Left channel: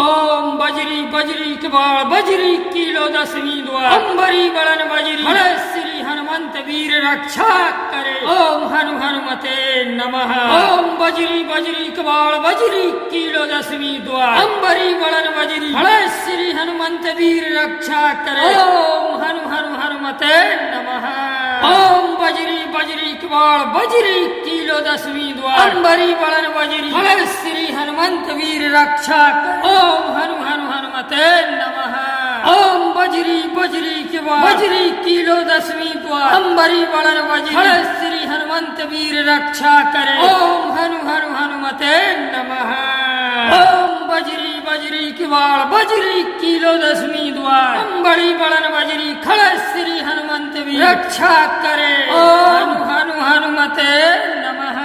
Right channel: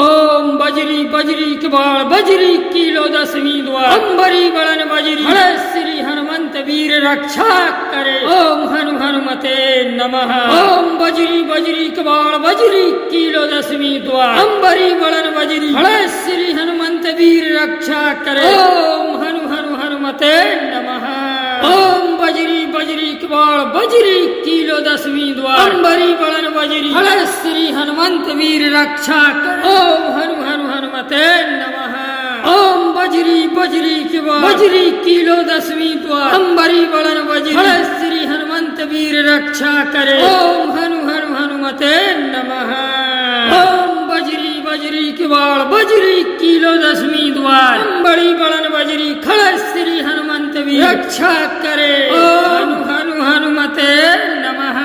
ओम बजरी बजरी कबाड़ बजरी कीलो दसवीं द्वार अंबरी बड़न बजरी हरे श्री हनुमंत वीर रक्षा करे। ओम हनु हनुमते नमः। ओम बजरी बजरी कबाड़ बजरी कीलो दसवीं द्वार अंबरी बड़न बजरी हरे श्री हनुमंत वीर रक्षा करे। ओम हनु हनु हनुमते नमः। ओम बजरी बजरी कबाड़ बजरी कीलो दसवीं द्वार अंबरी बड़न बजरी हरे श्री हनुमंत वीर रक्षा करे। ओम हनु हनु हनुमते नमः। ओम बजरी बजरी कबाड़ बजरी कीलो दसवीं द्वार अंबरी बड़न बजरी हरे श्री हनुमंत वीर रक्षा करे। ओम हनु हनु हनुमते नमः। ओम बजरी बजरी कबाड़ बजरी कीलो दसवीं द्वार अंबरी बड़न बजरी खड़े श्री हनुमंत वीर रक्षा करे। ओम हनु हनुमते नमः।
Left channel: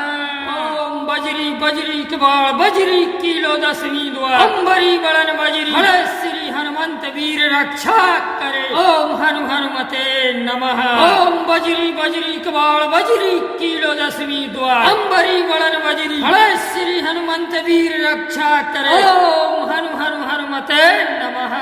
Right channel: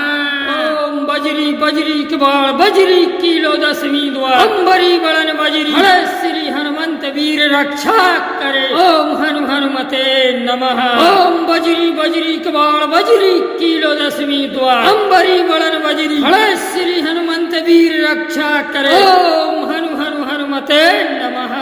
ओम बजरी बजरी कबाड़ बजरी कीलो दसवीं द्वार अंबरी बड़न बजरी खड़े श्री हनुमंत वीर रक्षा करे। ओम हनु हनुमते नमः। ओम बजरी बजरी कबाड़ बजरी कीलो दसवीं द्वार अंबरी बड़न बजरी खड़े श्री हनुमंत वीर रक्षा करे। ओम हनु हनु हनुमते नमः।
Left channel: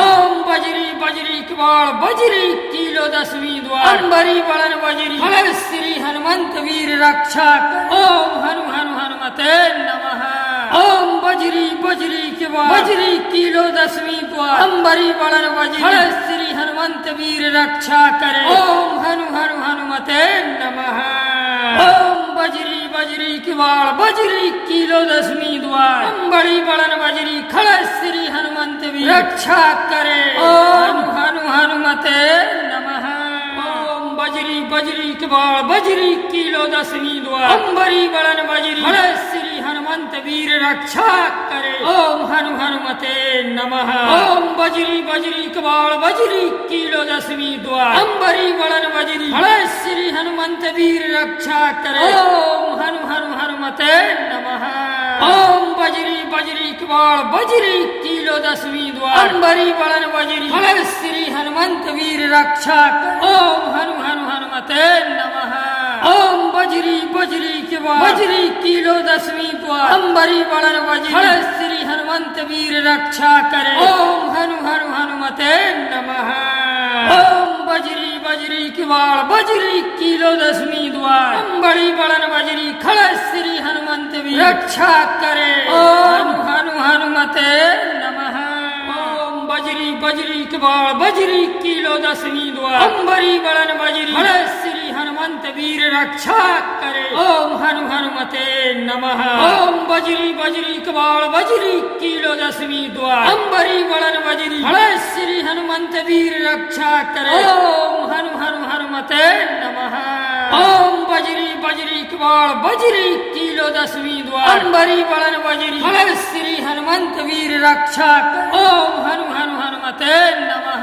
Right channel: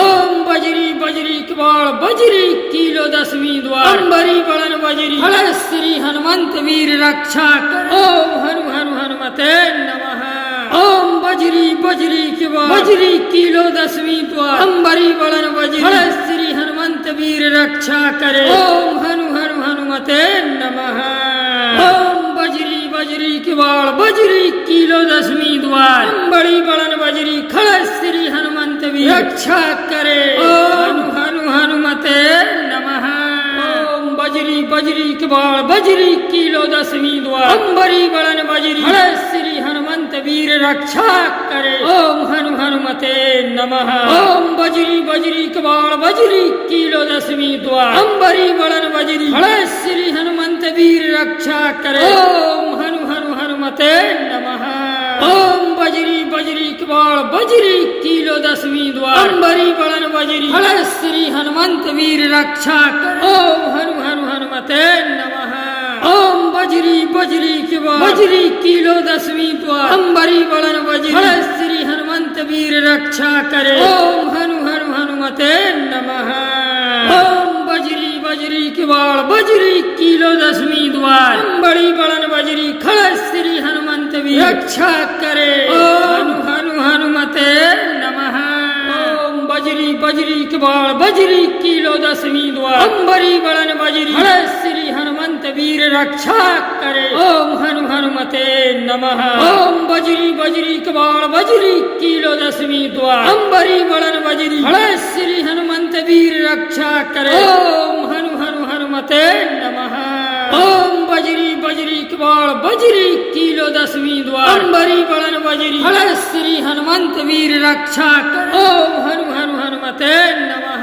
ओम बजरी बजरी कबाड़ बजरी कीलो दसवीं द्वार अंबरी बड़न बजरी खड़े श्री हनुमंत वीर रक्षा करे। ओम हनु हनु हनुमते नमः। ओम बजरी बजरी कबाड़ बजरी कीलो दसवीं द्वार अंबरी बड़न बजरी खड़े श्री हनुमंत वीर रक्षा करे। ओम हनु हनु हनुमते नमः। ओम बजरी बजरी कबाड़ बजरी कीलो दसवीं द्वार अंबरी बड़न बजरी खड़े श्री हनुमंत वीर रक्षा करे। ओम हनु हनुमते नमः। ओम बजरी बजरी कबाड़ बजरी कीलो दसवीं द्वार अंबरी बड़न बजरी खड़े श्री हनुमंत वीर रक्षा करे। ओम हनु हनुमते नमः। ओम बजरी बजरी कबाड़ बजरी कीलो दसवीं द्वार अंबरी बड़न बजरी खड़े श्री हनुमंत वीर रक्षा करे। ओम हनु हनु हनुमते नमः। ओम बजरी बजरी कबाड़ बजरी कीलो दसवीं द्वार अंबरी बड़न बजरी खड़े श्री हनुमंत वीर रक्षा करे। ओम हनु हनु हनुमते नमः। ओम बजरी बजरी कबाड़ बजरी कीलो दसवीं द्वार अंबरी बड़न बजरी खड़े श्री हनुमंत वीर रक्षा करे। ओम हनु हनु हनुमते नमः। ओम बजरी बजरी कबाड़ बजरी कीलो दसवीं द्वार अंबरी बड़न बजरी खड़े श्री हनुमंत वीर रक्षा करे। ओम हनु हनुमते नमः। ओम बजरी बजरी कबाड़ बजरी कीलो दसवीं द्वार अंबरी बड़न बजरी खड़े श्री हनुमंत वीर रक्षा करे। ओम हनु हनुमते नमः। ओम बजरी बजरी कबाड़ बजरी कीलो दसवीं द्वार अंबरी बड़न बजरी खड़े श्री हनुमंत वीर रक्षा करे। ओम हनु हनु हनुमते नमः। ओम बजरी बजरी कबाड़ बजरी कीलो दसवीं द्वार अंबरी बड़न बजरी खड़े श्री हनुमंत वीर रक्षा करे। ओम हनु हनु हनुमते नमः। ओम बजरी बजरी कबाड़ बजरी कीलो दसवीं द्वार अंबरी बड़न बजरी खड़े श्री हनुमंत वीर रक्षा करे। ओम हनु हनु हनुमते नमः।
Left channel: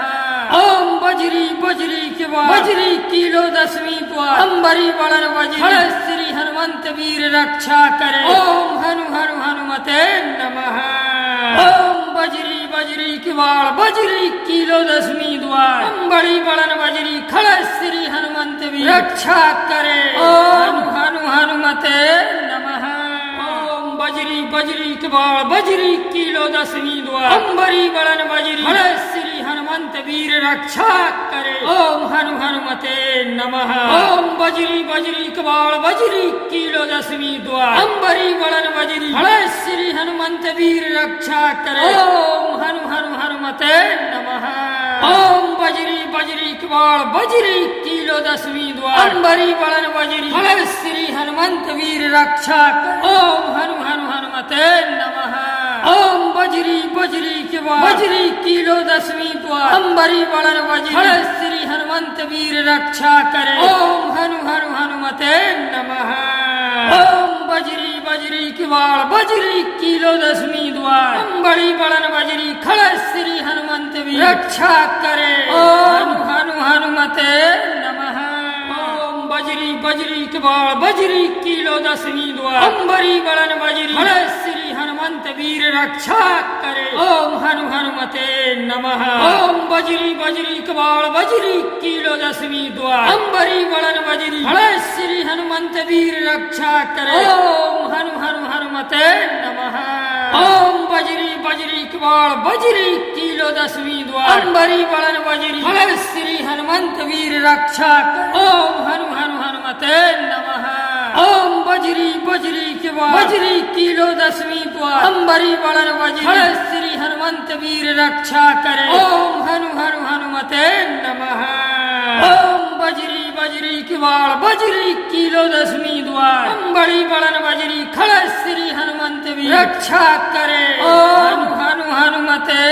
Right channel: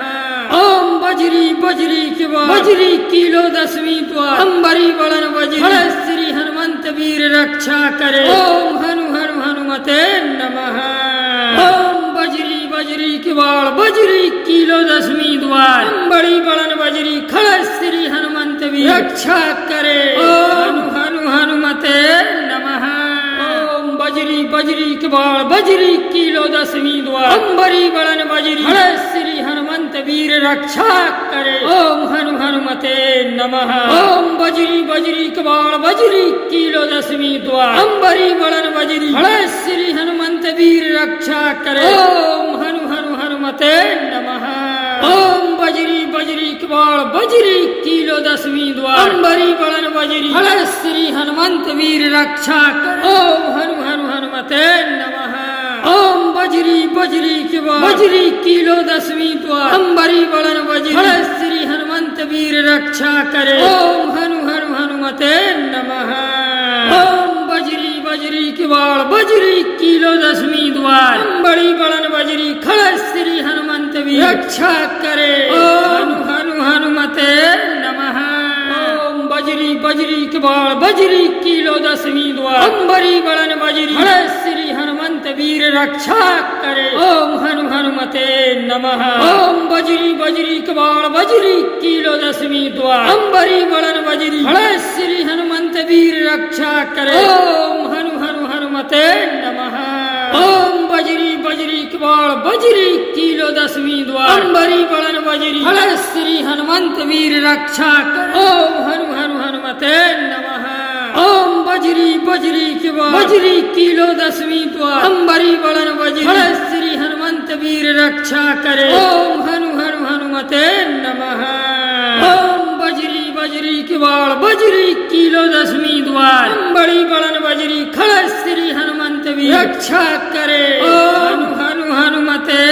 ओम बजरी बजरी कबाड़ बजरी कीलो दसवीं द्वार अंबरी बड़न बजरी खड़े श्री हनुमंत वीर रक्षा करे। ओम हनु हनुमते नमः। ओम बजरी बजरी कबाड़ बजरी कीलो दसवीं द्वार अंबरी बड़न बजरी खड़े श्री हनुमंत वीर रक्षा करे। ओम हनु हनुमते नमः। ओम बजरी बजरी कबाड़ बजरी कीलो दसवीं द्वार अंबरी बड़न बजरी खड़े श्री हनुमंत वीर रक्षा करे। ओम हनु हनु हनुमते नमः। ओम बजरी बजरी कबाड़ बजरी कीलो दसवीं द्वार अंबरी बड़न बजरी खड़े श्री हनुमंत वीर रक्षा करे। ओम हनु हनु हनुमते नमः। ओम बजरी बजरी कबाड़ बजरी कीलो दसवीं द्वार अंबरी बड़न बजरी खड़े श्री हनुमंत वीर रक्षा करे। ओम हनु हनु हनुमते नमः। ओम बजरी बजरी कबाड़ बजरी कीलो दसवीं द्वार अंबरी बड़न बजरी खड़े श्री हनुमंत वीर रक्षा करे। ओम हनु हनुमते नमः। ओम बजरी बजरी कबाड़ बजरी कीलो दसवीं द्वार अंबरी बड़न बजरी खड़े श्री हनुमंत वीर रक्षा करे। ओम हनु हनुमते नमः। ओम बजरी बजरी कबाड़ बजरी कीलो दसवीं द्वार अंबरी बड़न बजरी खड़े श्री हनुमंत वीर रक्षा करे। ओम हनु हनु हनुमते नमः। ओम बजरी बजरी बाळ बजरी किलो दसवीं द्वार अंबरी बळन बजरी हळ श्री हनुमंत वीर रक्षा कर ओम हनु हनु हनुमते नमः ओम बजरी बजरी के बाळ बजरी किलो दसवीं द्वार अंबरी बळन बजरी हळ श्री हनुमंत वीर रक्षा करे ओम हनु हनु हनुमते नमः ओम बजरी बजरी की बाळ बजरी किलो दसवीं द्वार अंबरी बळन बजरी खळ श्री हनुमंत वीर रक्षा करे ओम हनु हनुमते